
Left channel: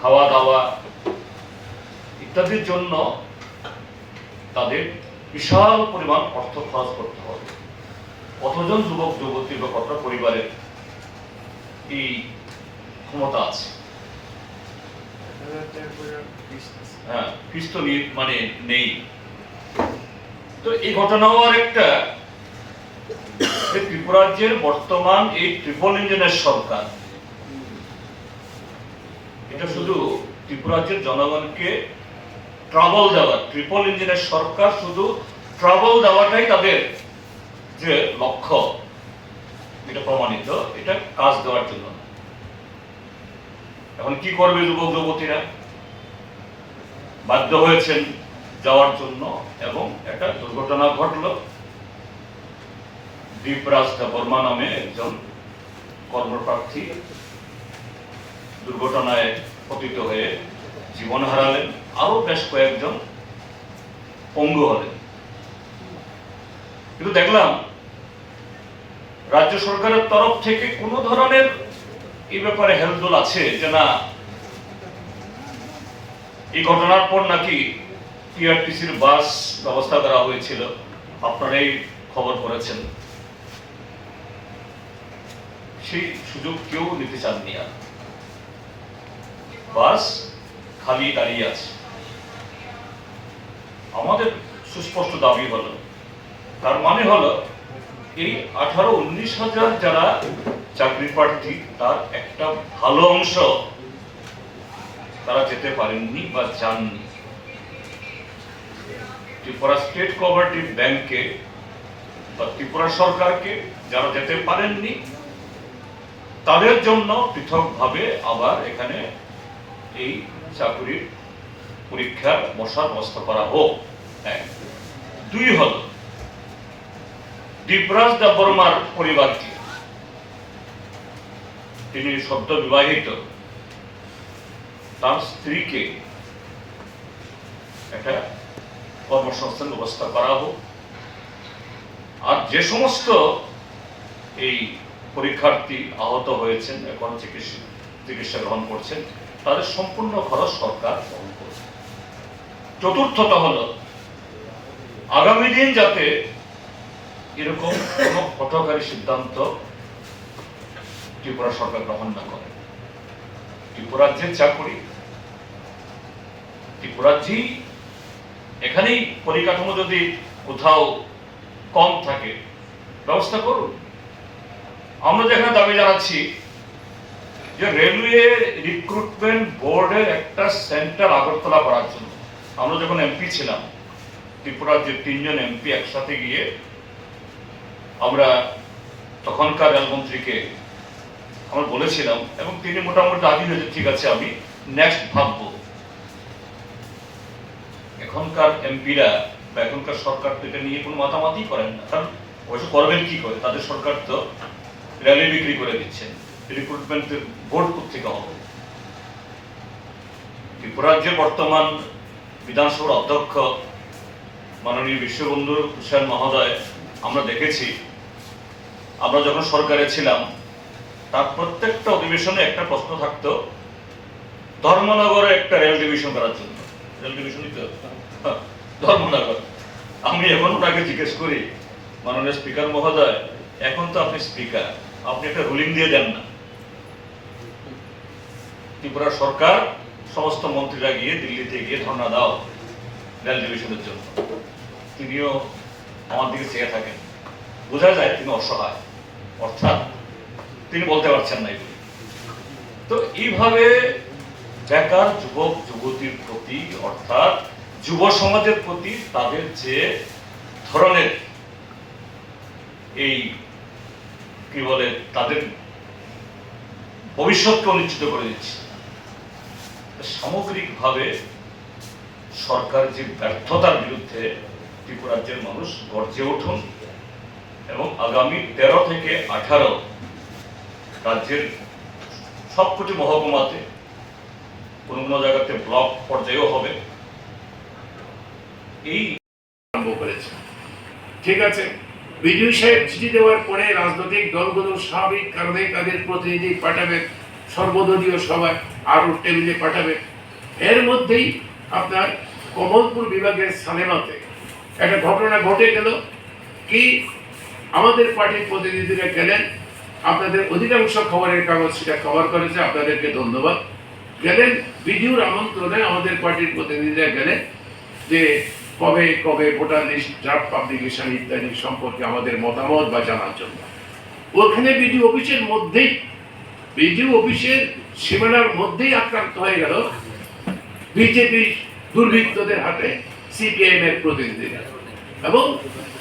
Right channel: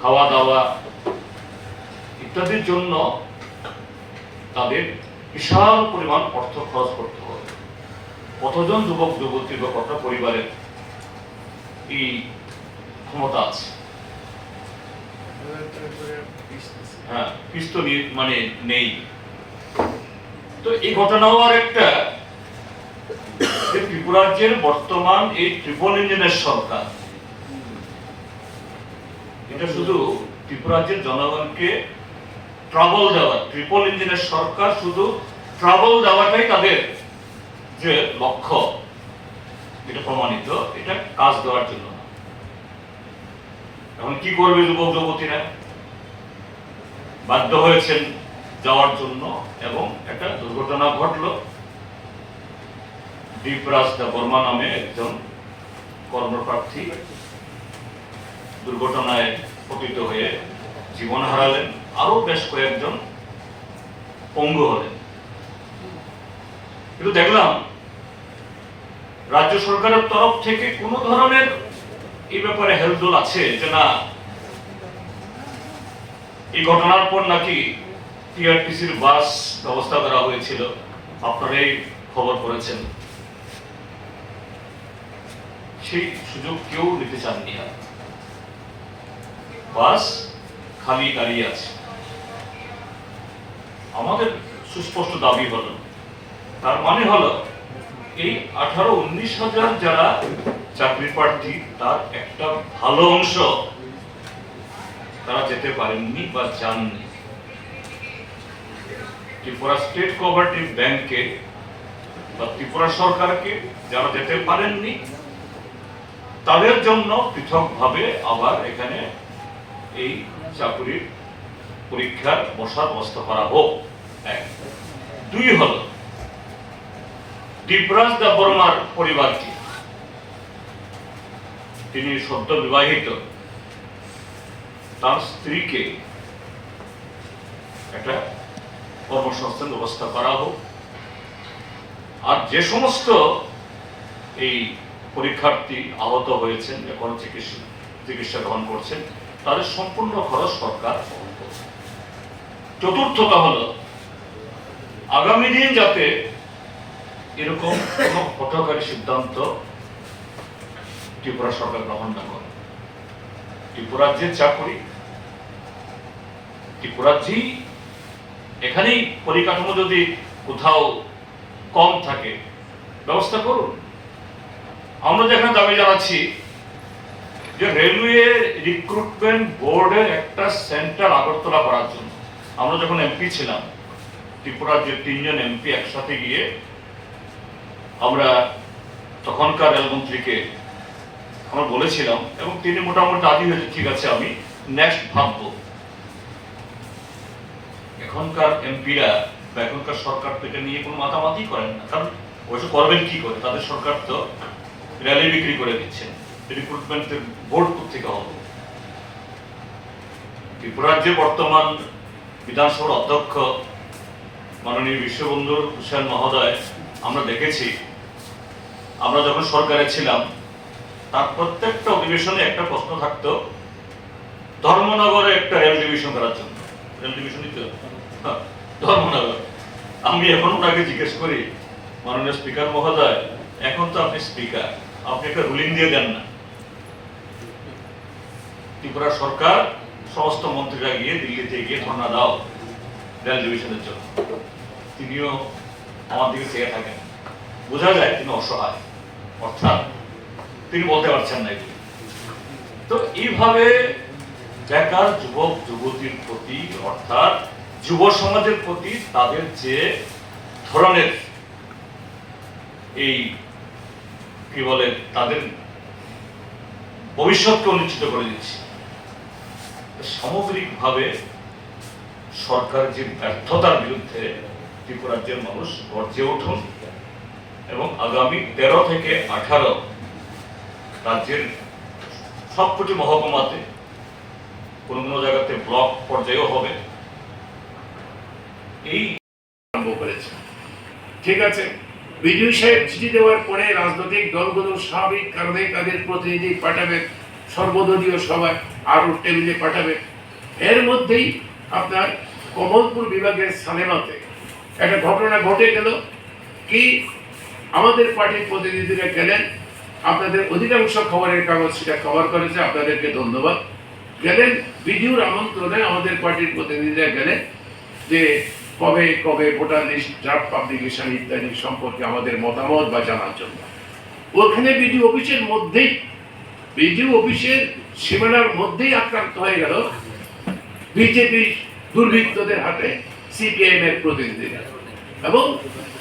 খাওয়া দাওয়া ইত্যাদির জন্য তাদের বিশাল পরিমাণ অর্থ খরচ করতে হবে। কতজন যুবক যুবতী বা কত পরিবারের এই ক্ষমতা আছে? হ্যাঁ, ফিস তো মানে নেই। তো এই ঘটনাও আর একটা, ত্রিপুরা রাজ্যের বর্তমান এই ট্রিপল ইঞ্জিনের সরকার, এটা শুধু ত্রিপুরা রাজ্যের জনগণকে ট্রাবল দেওয়া, ট্রিপল ইঞ্জিনের সরকার শুধু ট্রাবল দেওয়াটাই তাদের যে লক্ষ্য, এটা প্রমাণিত, এটা কাজ দেওয়ার জন্য। এখন কি করবে যুবক যুবতীরা? বাধ্য হয়েছেন যাওয়ার জন্য, এবং একটা দুর্ঘটনা ঘটলো। দীপরাজ বর্মা নামে একজন কর্মপ্রার্থী দুর্ঘটনায় পতিত হয়ে জীবন হারালেন, আরো বেশ কয়েকজন পঙ্গু হলেন। কিন্তু দেখলাম রাজ্য সরকারের তরফ থেকে কোনো ধরনের এই ব্যাপারে হেলদোল আছে যে না, এই ঘটনার পর নাকি টিআরটিসির বাস ব্যবস্থা করা হয়েছিল, আপনারাই খবর করেছেন। সেই সুযোগ কেউ নিতে চাননি আর, বাস খালি দাঁড়িয়ে আছে। আমাদের সুস্পষ্ট দাবি হলো, তার মানে হলো এই 18-19 হাজার যারা চাকরি প্রার্থী তার একটা ভালো অংশ তারা যেতে পারেননি বা যাননি। ত্রিপুরা স্টেট কোঅপারেটিভ ব্যাংকে বা ত্রিপুরা সরকারকে যারা যেতে পারেননি তাদের জন্য পৃথকভাবে আবার এখানে এই চাকরির পরীক্ষার বসার ব্যবস্থা করা হোক। এক। দুই হল দীপরাজ দেববর্মার পরিবারকে, তিনি সদ্য বিবাহিত, তার স্ত্রীকে একটা কর্মসংস্থান ব্যবস্থা করা হোক। আর যে সমস্ত এই পরীক্ষার্থী আহত হয়েছেন, এখন চিকিৎসা গ্রহণ করছেন, তাদের সম্পূর্ণ খরচ সরকার বহন করছে। চতুর্থত হল আগামী দিন যাতে এরকম কোন হঠকারী সিদ্ধান্ত ত্রিপুরা সরকার গ্রহণ না করে। ত্রিপুরার যে চাকরি, ত্রিপুরার যে এখানেই পরিকাঠামো যদি কোথাও কম থাকে ব্যবস্থা করুন। আমরা যেখানে দাবি জানাচ্ছি যে রেলওয়ে রিক্রুটমেন্ট বোর্ডের একটা সেন্টার আগরতলা করার জন্য। আমরা যখন এমপি ছিলাম, ত্রিপুরার যে 3 জন এমপি একসাথে গিয়ে আমরা তখনকার রেলমন্ত্রীকে আমরা বলেছিলাম এবং তিনি মোটামুটি রাজি হয়েছে, ঠিক আছে আমি নেক্সট ভাববো। এখনকার এমপিরা বা এখনকার সরকার তো এটা নিয়ে কোনো মাতামাতি করেন না, কারণ ওইসব করবেন কি করে, তাদের সরকার তো র্যালি বিক্রি করে দিচ্ছেন, রিক্রুটমেন্টের বোর্ড থেকে হবে। ত্রিপুরার যে বর্তমান বিধানসভার অধ্যক্ষ মাননীয় বিশ্ববন্ধু হুসেন মহোদয়, আমরা দেখেছি আমরা যখন সরকারে ছিলাম তার প্রত্যেকটা অধিবেশনে একটা প্রশ্ন থাকতো ধর্মনগরে একটা রেল ডিভিশন করার জন্য। রেল ডিভিশনই তো ধর্মনগর। আমি এখন ওনাকে জিজ্ঞেস করি, মাননীয় স্পিকার মহোদয়, এখন তো আপনি স্পিকার, আপনি একটা রুলিং দিয়ে দেন না। ত্রিপুরা সরকার সমস্ত মন্ত্রীরা গিয়ে দিল্লিতে গিয়ে ধর্ণা দাও রেল ডিভিশনের জন্য। তিনিও আমার দিকে চেয়ে থাকেন, বোঝা যায় তিনি অসহায়, অর্থাৎ তিনি বলতে পারছেন না এগুলি। তো এইভাবে বেকার যুবক যুবতীর প্রতি, অর্থাৎ যুব সমাজের প্রতি তাদের যে ধরনের এই কি বলে তাদের ভবিষ্যৎকে অনিশ্চিত করে দিচ্ছে। সামগ্রিকভাবে সরকার যে ব্যর্থতার বিরুদ্ধে ত্রিপুরা রাজ্যের মানুষ গর্জে উঠুন এবং আগামী 13 থেকে 18 রাজ্যের সবকটি মহকুমাতে কোন কোন জায়গাতে ব্লক পর্যায়েও হবে এই আরম্ভ করেছে। ঠিক আছে, বিডিও সাহেব চিঠি দেওয়ার পরে রাজনৈতিক দলগুলো স্বাভাবিক কারণে তাদের প্রতিনিধি পাঠাবে সর্বদলীয় সভায়, আরো টেবিলে পাঠাবে। এর মধ্যেই আপনার কমলপুর বিভাগের সালেমাতে একটা ঘটনা ঘটে গেল কি, আমাদের পার্টির প্রতিনিধিরা গেলেন, আপনাদের অধিকাংশ খবরের কাগজ সেটা কভার করেছে, আপনাদেরকে ধন্যবাদ। গেলেন বিডিওর আমন্ত্রণে, আমাদের পার্টির প্রতিনিধিরা গেলেন যে কবে কবে ভোটার লিস্ট, ড্রাফট পাবলিকেশন ইত্যাদি সম্পর্কে আমাদের মতামত বা জানার জন্য। ওখানে বিডিও অফিসের মধ্যেই, বিডিও অফিসের সীমানার মধ্যেই আক্রান্ত হয়ে গেল বিজেপি দুর্বৃত্তদের হাতে সিপিআইএম এর প্রতিনিধিরা। এবং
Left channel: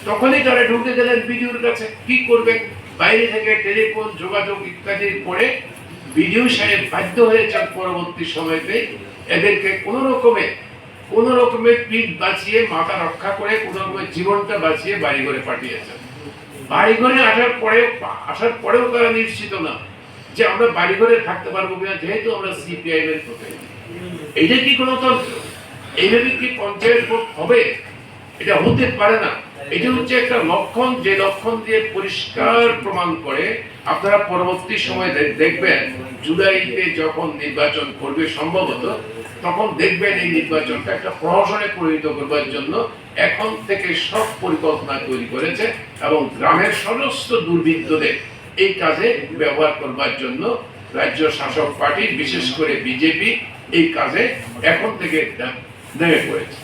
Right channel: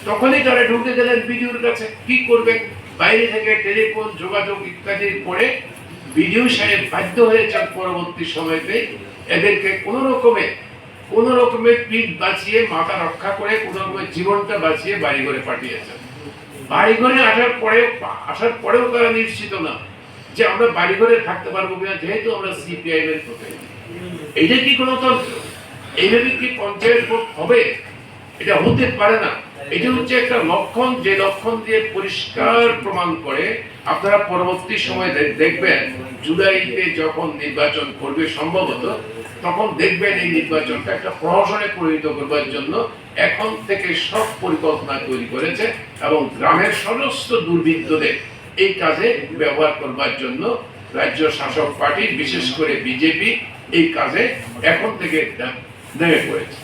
তখনই তারা ঢুকে গেলেন বিডিওর কাছে। কি করবেন, বাইরে থেকে টেলিফোন যোগাযোগ ইত্যাদির পরে বিডিও সাহেব বাধ্য হয়েছেন পরবর্তী সময়তে এদেরকে কোন রকমের পিঠ বাঁচিয়ে, মাথা রক্ষা করে, কোন রকমের জীবনটা বাঁচিয়ে বাড়িঘরে পাঠিয়েছেন। বাড়িঘরে আসার পরেও তারা নিশ্চিত না যে আমরা বাড়িঘরে থাকতে পারবো কিনা, যেহেতু আমরা সিপিআইএম এর প্রতিনিধি। এইটা কি গণতন্ত্র? এইভাবে কি পঞ্চায়েত ভোট হবে? এটা হতে পারে না। এটা হচ্ছে একটা লক্ষণ, যে লক্ষণ দিয়ে পরিষ্কার প্রমাণ করে আপনারা পরবর্তী সময় দেখবেন জুলাইতে যখন নির্বাচন করবে সম্ভবত, তখন দেখবেন এই নির্বাচনটা একটা প্রহসনে পরিণত করবার জন্য এখন থেকে সব পরিকল্পনা তৈরি করেছে এবং গ্রামের সমস্ত দুর্বৃত্তদের এই কাজে ব্যবহার করবার জন্য রাজ্য শাসক পার্টি বিশেষ করে বিজেপি এই কাজে এখন থেকে নেমে পড়েছে।